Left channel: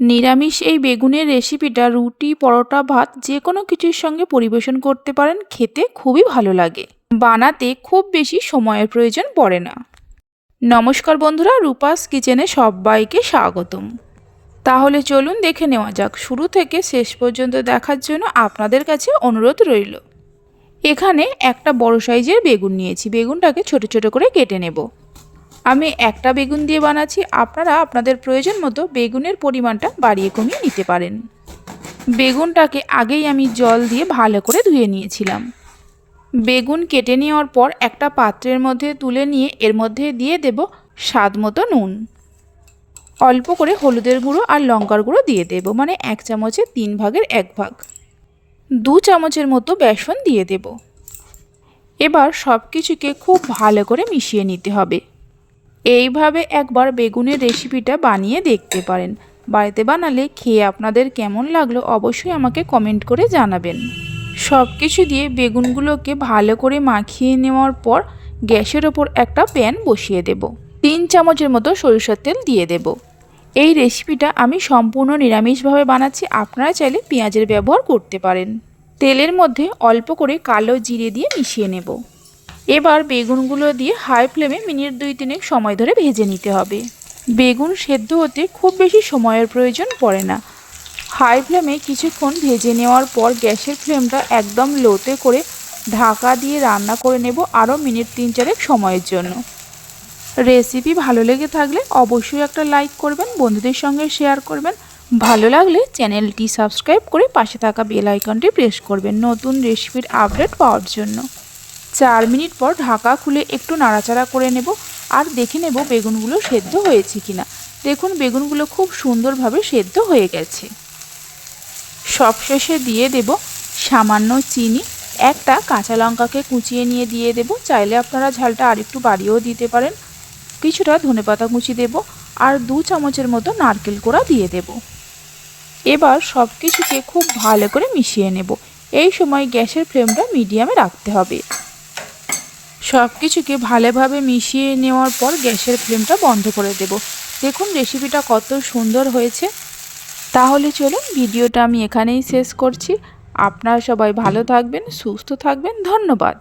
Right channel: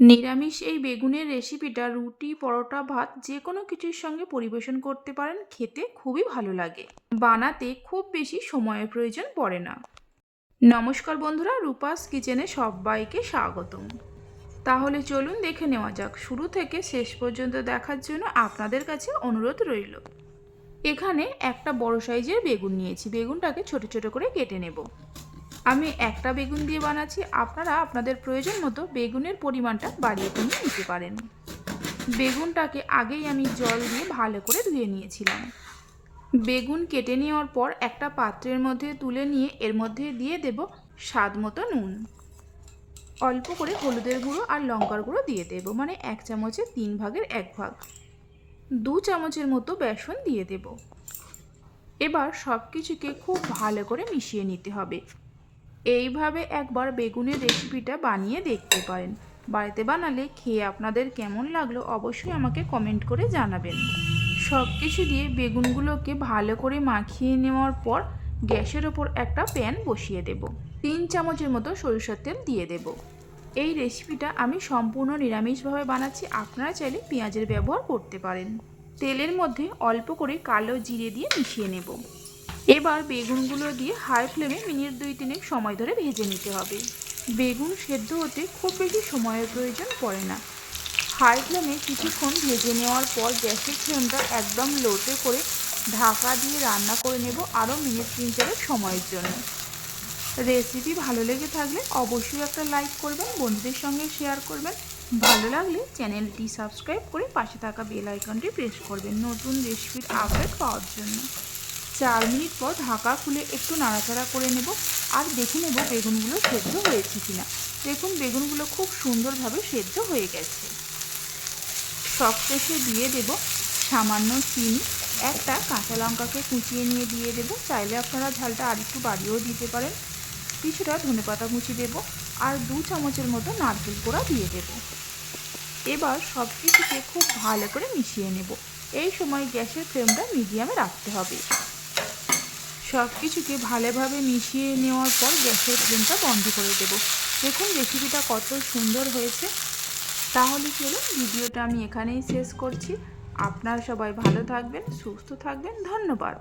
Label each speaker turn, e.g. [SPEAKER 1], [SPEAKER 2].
[SPEAKER 1] নিরামিষ এই বেগুনের রেসিপিটা রুটি, পরোটা, ভাত যে কোনো কিছুর সঙ্গে পরিবেশন করতে পারেন, খেতে খুবই ভালো লাগে। বানাতে খুব বেশি সময়ের প্রয়োজন পড়ে না। নমস্কার বন্ধুরা, রূপাস কিচেনে সবাইকে স্বাগতম। তাহলে চলুন দেখে নেওয়া যাক, শুরু থেকে শেষ পর্যন্ত দেখার জন্য আপনাদের কাছে অনুরোধ রইল। এখানে একটা বড় সাইজের বেগুন নিয়েছি। বেগুনটাকে ছোট ছোট করে কেটে নেব। আমি একটা বেগুন দিয়ে বানাচ্ছি, আপনারা আপনাদের প্রয়োজন মতো বেগুনের পরিমাণটা বাড়িয়ে কমিয়ে নিতে পারেন। বেগুনটাকে আগেই আমি জল দিয়ে ভালো করে ধুয়ে নিয়েছিলাম। বেগুন কেটে নেওয়ার পর একটা পাত্রের মধ্যে তুলে নিয়ে এর মধ্যে দিয়ে দেব স্বাদ মতো নুন। অল্প করে হলুদের গুঁড়ো আর লঙ্কার গুঁড়ো দিয়ে দেব মানে এক চামচের তিন ভাগের এক ভাগ। দু চামচের মতো বেসন দিয়ে দেব। এবার সব কিছুকে খুব ভালো করে মিশিয়ে নিতে হবে। এইভাবে একবার বেগুনের রেসিপিটা বানিয়ে দেখতে পারেন। বাড়িতে বানালে খেয়ে আপনাদের কেমন লাগল অবশ্যই আমাকে কমেন্ট করে জানাবেন। সব কিছু দিয়ে বেগুনগুলোকে ভালো করে মাখিয়ে নেওয়ার পর গ্যাসের ওপর একটা প্যান বসিয়ে দেব। তিন চামচের মতো সরিষার তেল দিয়ে দেব। এই রেসিপিটা আমি সম্পূর্ণ নিরামিষভাবে বানাচ্ছি, আপনারা চাইলে পেঁয়াজের ব্যবহার করতে পারেন। তেলের মধ্যে অল্প করে কালো জিরে দিয়ে মিশিয়ে নেব। এবার বেগুনগুলো দিয়ে হাই ফ্লেমে মিনিট দুই তিনেক সময় ধরে ভেজে নিতে হবে। বেগুন সেদ্ধ হতে খুব বেশি সময়ের প্রয়োজন পড়ে না। হাই ফ্লেমে কিছুক্ষণ ভেজে নেওয়ার পর গ্যাসের ফ্লেমটা একদম লোতে করে ঢাকা দিয়ে রান্না করে নেব আরও মিনিট তিন চারেক সময়ের জন্য। রেসিপি ভালো লেগে থাকলে অবশ্যই একটা লাইক করবেন, বন্ধুদের সঙ্গে শেয়ার করবেন। ভালো লাগলে চ্যানেলটি সাবস্ক্রাইব করে পাশে থাকা বেল আইকনটি প্রেস করবেন নতুন রেসিপির আপডেট পাওয়ার জন্য। চার মিনিট পর ঢাকা খুলে একটু নাড়াচাড়া করে নেব আর দেখে নেব বেগুনগুলো সেদ্ধ হয়েছে কিনা। দেখুন, বেগুনগুলো খুব সুন্দরভাবে সেদ্ধ হয়ে গেছে। সবশেষে দিয়ে দেব সামান্য চিনি। একটা কাঁচা লঙ্কাকে কুচিয়ে নিয়ে দিয়ে দেব। চাইলে আপনারা ঝালটা আরেকটু বাড়িয়েও দিতে পারেন। কিছুটা ধনেপাতা কুচি দেব আর দু চামচের মতো নারকেল কোড়া দিয়ে দেব। এবার সব কিছুকে খুব ভালো করে মিশিয়ে নেব। এই সময় গ্যাসের ফ্লেমটা মিডিয়ামে রাখতে হবে। সব কিছুকে ভালোভাবে মিশিয়ে নেওয়ার পর গ্যাসের ফ্লেমটা বন্ধ করে দেব। দেখুন রেসিপিটা কত সুন্দর হয়েছে। তাহলে চলুন ভিডিওটা আমি এখানেই শেষ করছি। আপনারা সবাই ভালো থাকবেন, সুস্থ থাকবেন। ধন্যবাদ।